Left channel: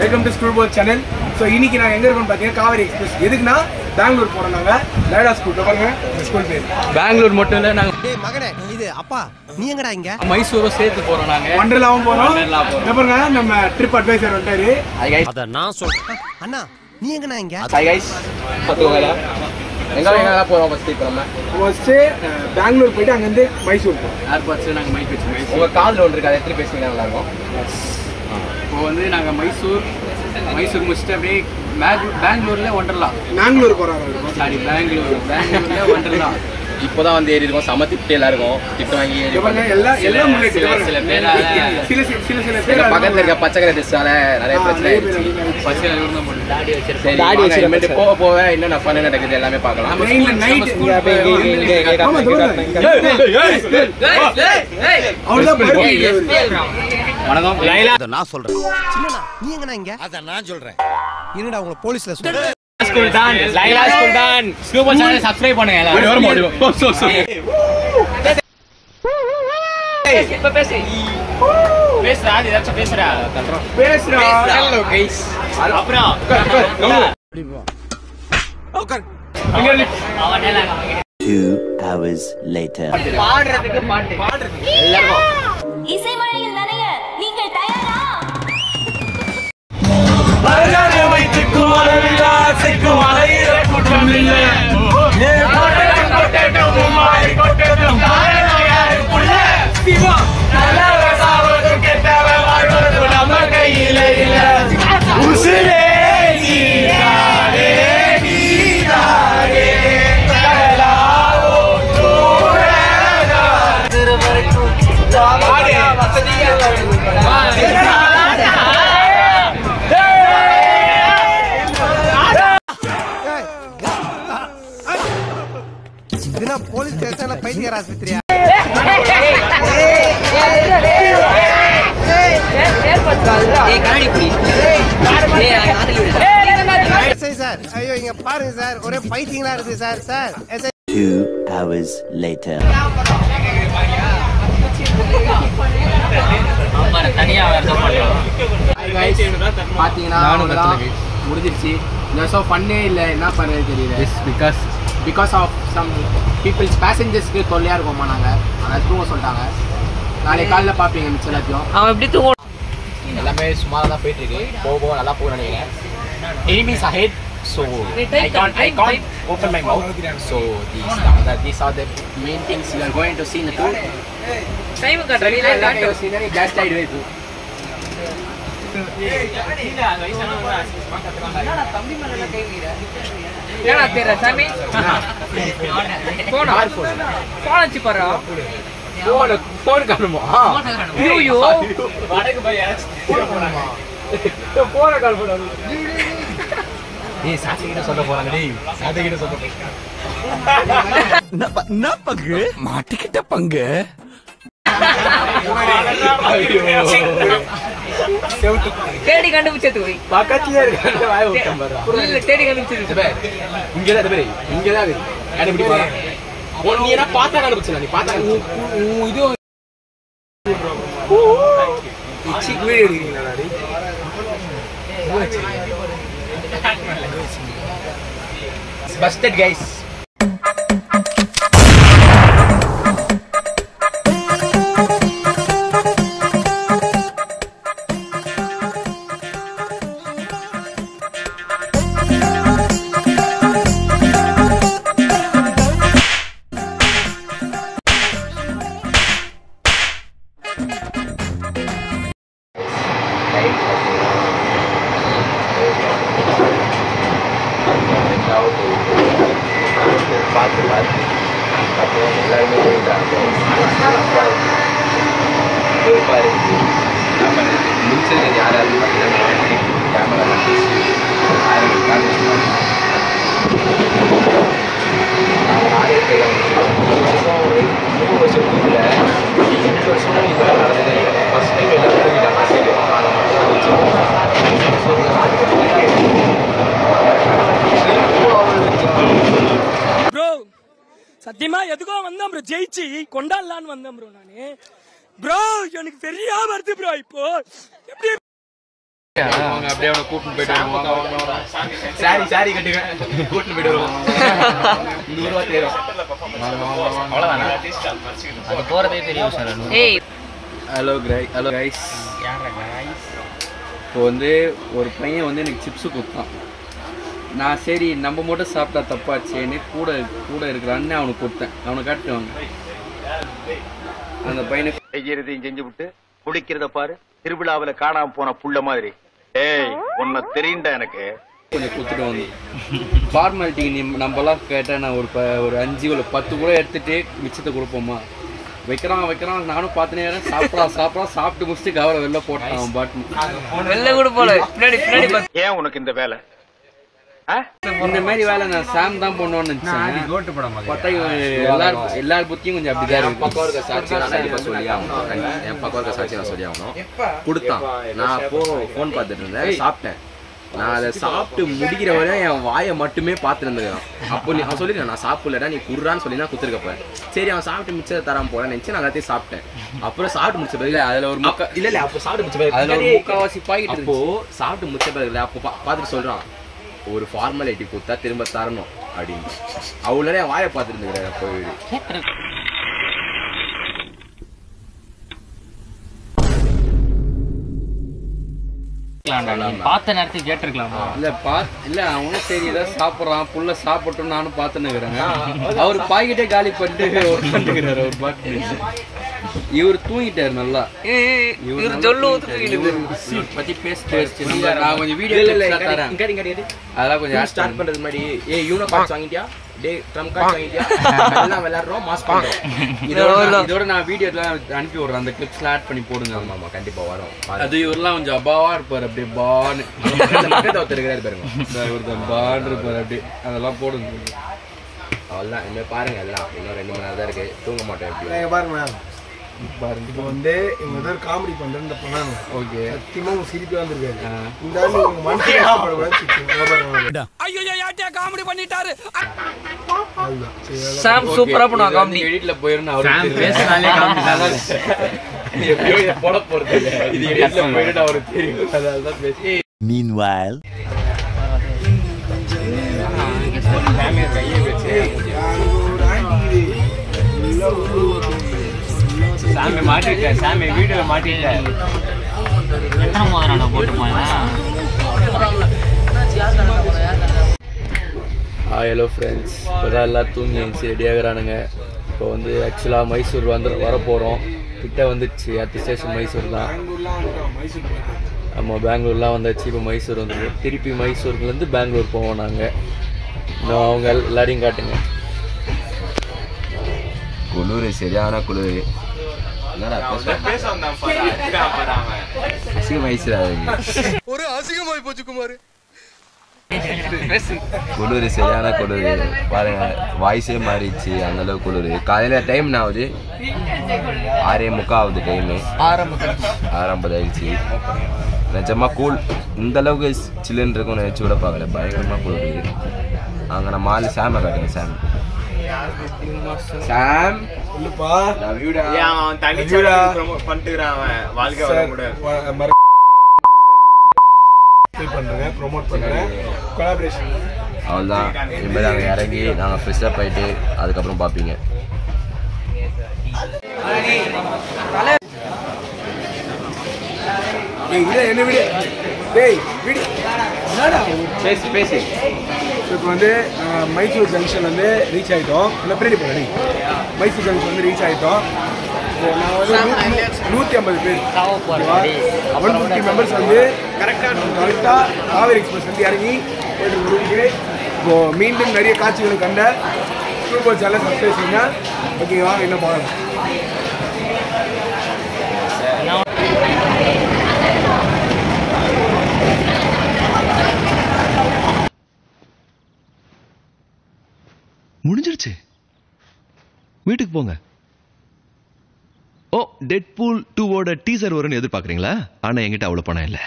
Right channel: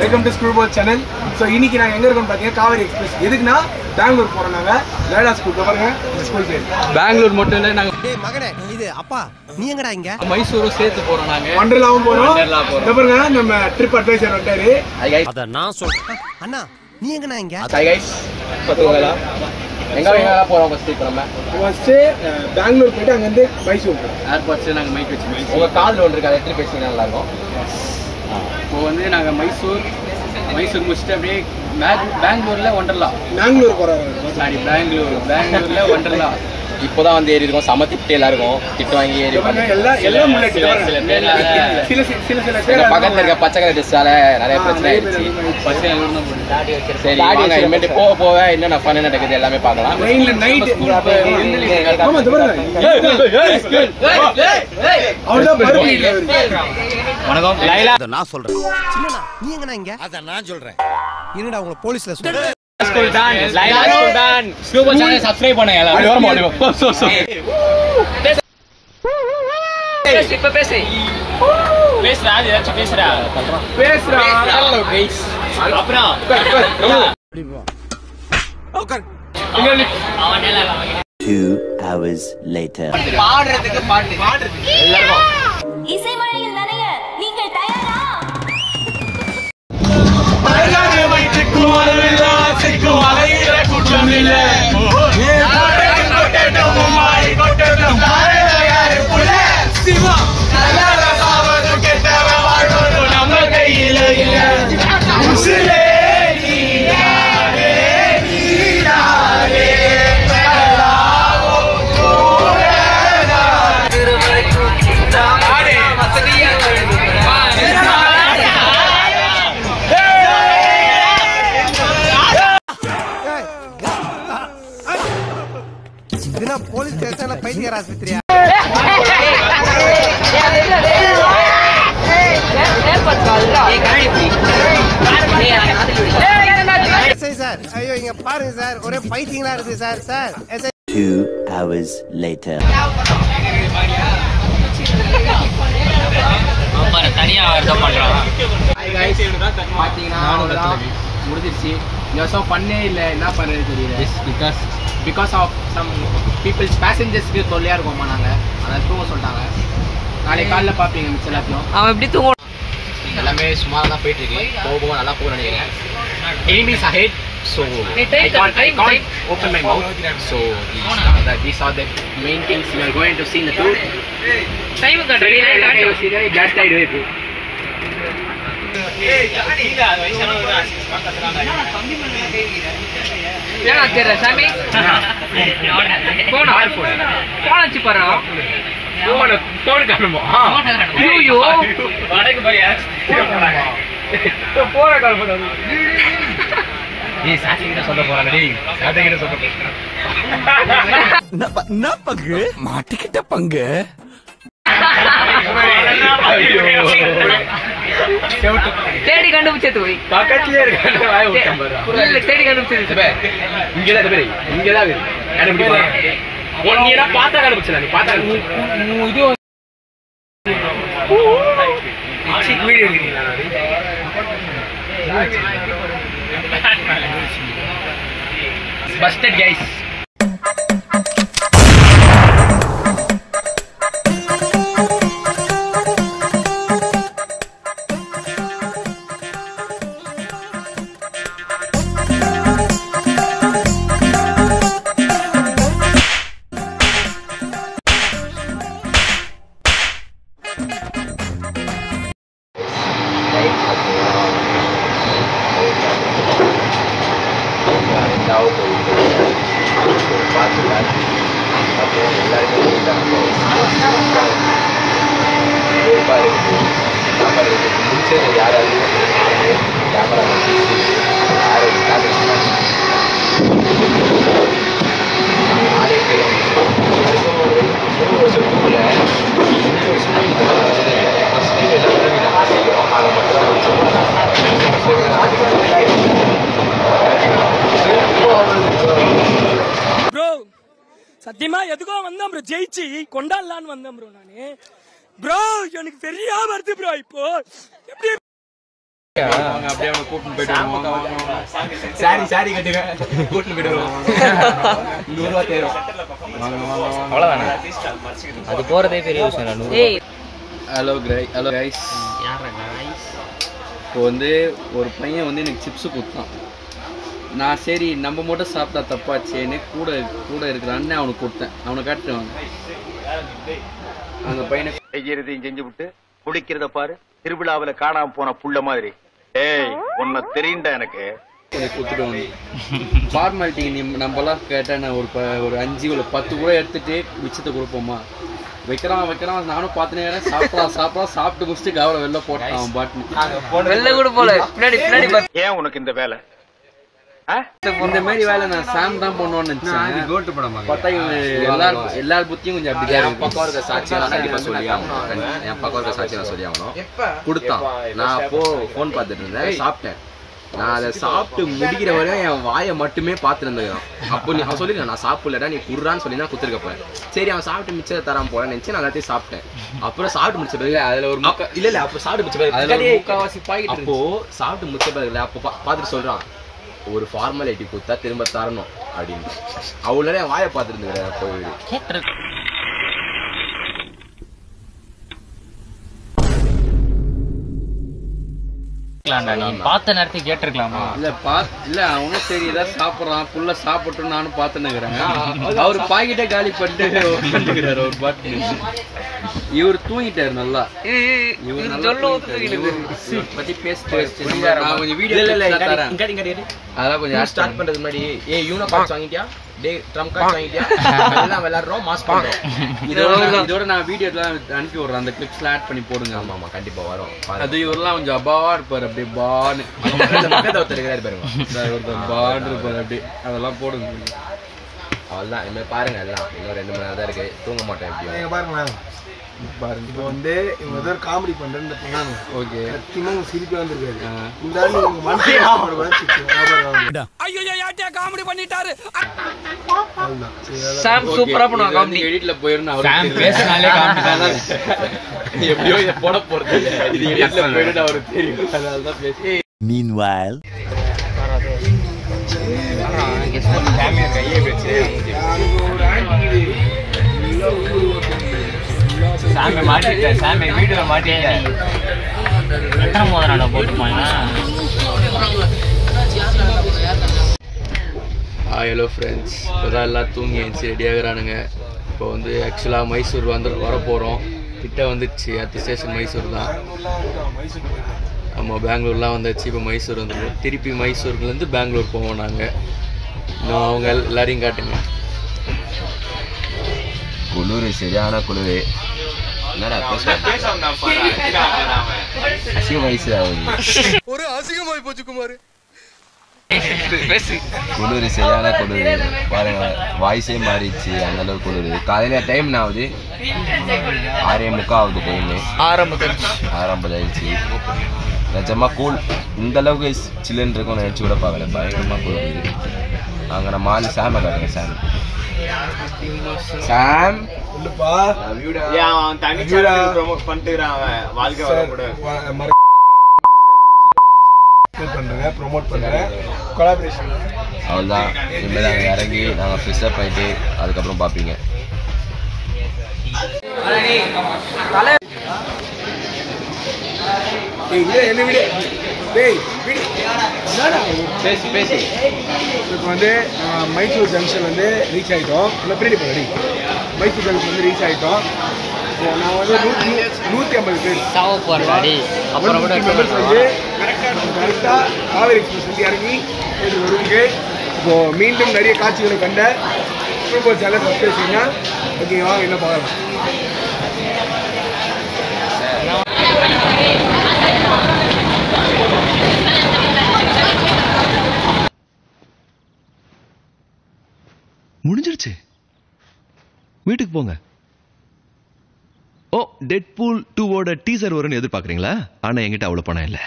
Welcome to school channel. So இன்னைக்கு நாங்கள் எங்கே இருக்கோம்னு பார்த்தீங்கன்னா காவேரி எக்ஸ்பிரஸ். எதுக்குன்னா பெங்களூர் போகிறோம். நாங்கள் லைலா ஸ்கூல் பாருங்க ஸ்கூல் பேர். பெங்களூர் மட்டும் இல்லை, நாங்கள் மகனே இது அப்பா நீ எங்கடா இங்க மைசூரும் சேர்த்து போகிறோம். நாங்கள் ஒண்டர்லாவும் போகிறோம். பாருங்க நம்ம ட்ரிப் அட்வைசர் வந்துட்டாரு. அத நான் சொல்றேன். அண்ணா நீ எங்கடா இங்க? எங்கெல்லாம் போகிறோம் ஃபஸ்ட்டு? இப்போ நம்ம ஃபஸ்ட்டு பெங்களூர் போயிட்டு அங்கேருந்து மைசூர் போகிறோம். ஏர்போர்ட்ஸில் நாங்கள் மைக் வச்சு உங்கள் காதில் ஒன்று இருக்குது, அதை எடுத்துகிட்டு பேசிங்கன்னா நல்லாயிருக்கும். இப்போ வந்து நாங்கள் மைசூர் முடிச்சுட்டு அப்படியே பெங்களூரில் ஒண்டர்லா. பெங்களூர் போகிறாங்க. சாரி பெங்களூரில் ஒண்டர்லா. இப்போதான் வந்து ஏறி இருக்கோம். சம திட்டு எல்லாருக்கும் திட்டு வாங்கி ஏறி எல்லாம் சில பேர் பக்கத்தில் இருக்க பச்சை கலர் டிஸ்டால நிறைய பிரச்சனை ஆயிடுச்சு. போக போக என்னென்ன ஃபன் நடக்குது எல்லாமே பார்க்கலாம். வணக்கம் லைலா. நான் சொல்றேன் சின்னண்ணா நீ எங்கடா இங்க? அத நான் சொல்றேன். என்னடா உங்களை போலீஸ்ல சொல்றேன். ஸ்கூல் தான் லைலா ஸ்கூல் தான் ஸ்கூல் சேனல் சப்ஸ்கிரைப் பண்ணுங்க எல்லாரும். இப்ப பேசுறா ஏதாச்சும் பேசுறா. Hello guys. அப்புறம் 2 hours later. பாடுறதுக்கு பாட்டு எல்லாரும் இசை மழையில் நனைய நீங்கள் தயாரா? இதுனா போலீஸ் ஸ்டேஷன்ல பைத்தியர் ஆஸ்பத்திரியா? சார் ஐயோ இங்க பாருங்க சார், ஒரே பைத்தியங்களா இருக்கு சார். Sir 2 hours later. பாத்தீங்கன்னா முடிஞ்சிருச்சு. ஸோ ஃபன்னே இல்லை, என்ன பண்ணுறது தெரியல. பிகாஸ் ஆஃப் சம் பீப்புள்ஸ் பேசஞ்சர்ஸ்க்கு தொல்லையாக இருக்கோமா நாங்கள், அதை தூங்க சொல்லிட்டாங்க. நாளைக்கு காலைல பார்ப்பீங்க மிச்சம் எல்லாத்தையும். அவன் எப்படி தூங்க எல்லாமே சுமாராக தான் போயிட்டுருக்கு. போக நல்லா போக நினைக்கிறேன். enemies ahead, so I can't open my mouth. So these are the main things we are going to see in the tour. Time கட்டடி just ஆயிடுவே இப்போ. ஏன் அக்கற சாமி போன் வச்சு பாரு. போன் காணுமா? ஐயோ வடக்கு பாரு போன கால் போடாது. ஏய் சாத்தி கிட்ட சொல்ல போறானே. டேய் சாத்தி கிட்ட சொல்ல போறானே. என்ன பங்கு மாட்டிக்கிட்ட பங்கு. தேடி கண்டுபிடிச்சது போய் பக்கத்துலயே இருக்க வாய விட்டேன் பாரு. இல்ல தேடி கண்டுபிடிச்சது இங்க தான் பாரு, இங்க தான் இருக்கு. கண்டுபிடிப்பா. நீ என்ன பார்த்தா கண்டுபிடிச்சல? நீ பார்த்தா இது வீடியோ எடுக்கிறீங்களா? Busted guys. சத்தியமா எதுக்கோ வந்தேன் ப்ரோ, ஜெயிச்சு கொண்டாடலான்னு வந்தேன் ப்ரோ. நானு ப்ரோ எனக்கு பெரிய வருது ப்ரோ. இப்போ எப்படி அப்படியே அவனை கூட்டிட்டு போயிட்டு சாரி கட்டுங்க கூட்டிட்டு போயிட்டு வருவோம் 100 ரூபா தேரும் அவ்வளவுதானே அது போறதே பெரிய விஷயம். ஏய் ஹலோ கைஸ் இப்போ வந்து ஒரு பையன் வந்து எனக்கு சிப்ஸு கொடுத்தான். நான் சரி நம்ம மட்டும் சாப்பிட்டா தப்பாச்சேன்னு கூட இருக்கிற அண்ணன் அவனுக்கு கொடுத்தேன். அவனை காட்டுவாங்க அந்த பையனை செய்யறதையும் செஞ்சு விட்டு குடிக்கிறத பாரு திருவிழாவில காணாம போன புள்ள மாதிரி. ஏய் உன்னை தெரியுண்டா எனக்கு. கொடுத்துட்டு வந்து ஃபார்மாலிட்டிக்கு நம்மலாம் கேட்டால் நான் ஒரு 5 இல்லை 10 கூட எடுத்துகிட்டு மிச்சத்தை கொடுப்போமா? வைக்கிறான் நானும் பார்த்துனே சாப்பிட்டு முடிச்சுட்டு கவலை வெளில போட்டான் பாட்டு வெளில கூட போல பின்னாடி ஏன் உனக்கு இந்த வேலை? இந்த மாதிரி வேலை நான் சாம் தான் பண்ணுவோன்னு நினைச்சேன். பார்த்தா எல்லார் புத்தியும் கொஞ்சம் அப்படிதான் இருக்கு. பக்கம் இருக்க சாட்சி நான் கண்டிப்பா சொல்லி ஆகணும். என் பக்கம் இருக்க சாட்சி நான் சொல்லி ஆகணும். கொடுத்தான். நான் அப்போ ஃபோன் பார்த்துட்டு இருந்தேன். சாப்பிட்டேன். நான் அதை சாப்பிட்டு முடிக்கிற வரையும் என் வாயை மட்டுமே பார்த்துட்டு இருந்தேன். அப்போ அவன் சொல்லிருக்கேன் நான் சாப்பிடலடா நீ குடுறான்னு சொல்லி தான் குத்துருக்க போறேன். சரி அவன் சாப்பிட்டு மிச்சத்தை தராம போறேன்னு நினைச்சு நான் எல்லாத்தையும் சாப்பிட்டேன். அப்புறம் சாப்பிட்டு முடிச்ச பிறகு அதுல ஒரு இல்ல அப்போ சாப்பிட்டு முடிச்ச பிறகு முக்காவாசி பாய்கிட்டு அப்போ சாப்பிட்டு முடிச்ச பிறகு அப்போ பார்த்துட்டு சொல்றான் ஒரு ஃபார்மாலிட்டி கொடுத்தா திரும்ப தரணும் அப்படின்னு. அவ்வளோ என் வாயை பார்த்துட்டு இருந்துக்கிறேன் போய் பார்த்த நேரத்தை கேட்டிருக்கலாமா? இல்ல அவனும் சரி ஏதாவது சாப்பிட்றான் புள்ள சாப்பிட்டோம் நானும் பார்த்துன்னுக்கிறேன். அவர் பாக்கெட்டே காலி பண்ணிட்டு உட்காந்துக்கிறாரு ஒரு பாட்டு. இவர் தூங்கிட்டாரு நல்லா. பத்தி அதெல்லாம் கொஞ்சம் ஸ்டார்ட் பண்றது மாதிரி யூனோ கார்ட்ஸ் வாங்கிட்டியா டே ட்ரம் கார்ட்ஸ் வாங்கிட்டியா எல்லாம் விளையாடுறோம் மாஸ் பண்றோம். இதோட நான் வீடியோ எல்லாம் அனுப்பி விடுறேன். அந்த கிளிப்ஸ்லாம் ஆட் பண்ணி போடுங்க. ஆமா கண்டிப்பா வரும். அது இவரெல்லாம் கொஞ்சம் அபாவா இருப்பாரு அப்படியே பான்னு ஒருத்தர் பாருங்க ஒருத்தர் பான்னு இருப்பாரு அப்படியே அதெல்லாம் போடுங்க. அவ்வளோதான் இனிமேல் பாருங்க எல்லாம் இன்னும் 2 மணி நேரம் தான் இருக்கு. தூங்க மாட்டேன் எப்படி பாருங்க. இப்போ வந்து இவங்க ஏதாவது காமெடி பண்றேன்னு பண்ணாங்க. ஓகே சத்தியமா உங்க சிரிப்பே வந்திருக்காரு. இந்த ஆண்டு உங்க மனசு ஐயோ யார்ட்டே காமெடி பண்ணிட்டாரு. சாம் சூப்பரா பண்ணுவாங்க காமெடி. எடிட்ல போயிருந்து அவரு பேசினாலே காமெடி தான். எப்படியோ இத போட போறது இது எடிட்ல போயிருந்து அவருக்கு தெரியும். அதனால தான் பேசி. Meanwhile, கையை வச்சு சாமி மாட்டிட்டேன். சாமி வீடியோல மாட்டிட்டேன். எத்தனை மோதிரம் போட்டுப்பாங்க? ஹலோ ஃப்ரெண்ட்ஸ், இப்போதான் எல்லாம் தூங்கி எழுந்துச்சு ரெடி ஆகுறானுங்க. இப்போ வந்து ஆக்சுவலாக மைசூர் வரப்போகிறோம். கிட்ட வந்துடுச்சு. அடுத்த ஸ்டேஷன் மைசூர் தான். ஆமாம் பெங்களூர்லாம் வந்தாச்சு. இப்போ மைசூர் வந்துடும். திருப்பி மைசூர்லேருந்து பெங்களூர் போவோம் நாங்கள். இன்னும் அவங்க எல்லாரையும் காட்டுங்க. குளிர் சரியான குளிர். ஒரு அசிங்கமாய் போச்சு குமார். குளிர் சரியான குளிர் பாருங்க. வாய்ஸே மாறிடுச்சு அந்த அளவுக்கு குளிர். காலையில டைம் ஆகுது 6:45 ஆகுது. டைமு 6:50 ஆயிடுச்சு. நிஜமா கூல் இந்த அளவுக்கு சில்லுன்னு இருக்கும் நினைச்சு கூட பார்க்கல. பயங்கரமா குளிர். அங்கே நம்ம ஆள் சாம காட்டுங்க. சாம் இல்லப்பா அவன் தனி ப்ரோமோட் பண்ணிட்டுறான். அவன் வாழ்க்கை வர கூட பண்றேன் ப்ரோமோட் பண்றேன் கொலாபரேஷன். அவ்வளோதான். இனிமேல் நாங்கள் இறங்கி நாங்கள் ஃப்ரெஷ்ஷப் ஆகிட்டு அதுக்கப்புறம் பார்ப்பீங்க. பேசி இப்போ வந்து மைசூர் ஜங்ஷன் வந்து ரீச் ஆகிட்டோம். இல்லை பின்னாடி போகல மைசூர் ஜங்ஷன் வந்து ரீச் ஆகிட்டோம். இப்போ நான் வந்து 150 பேர் 150 மெம்பர்ஸ் வந்து கரெக்டாக காவேரி எக்ஸ்பிரஸ் வந்து இறங்கி வருவீங்க. இப்போது மீண்டும் நிறைய காட்சிகளை கண்ட சூப்பர் சேனல் சப்ஸ்கிரைப் செய்யுங்க. ஓகேவா? என்ன பார்க்கலாம். முடிஞ்சிருச்சு. வீட்டுக்கு போங்க. ஓ, டெட்பூல் 2 ஓட டீசர் வரும்னு எதிர்பார்க்குறீங்களா? ஆனால் என்கிட்ட அவ்வளோ பணம் இல்லை.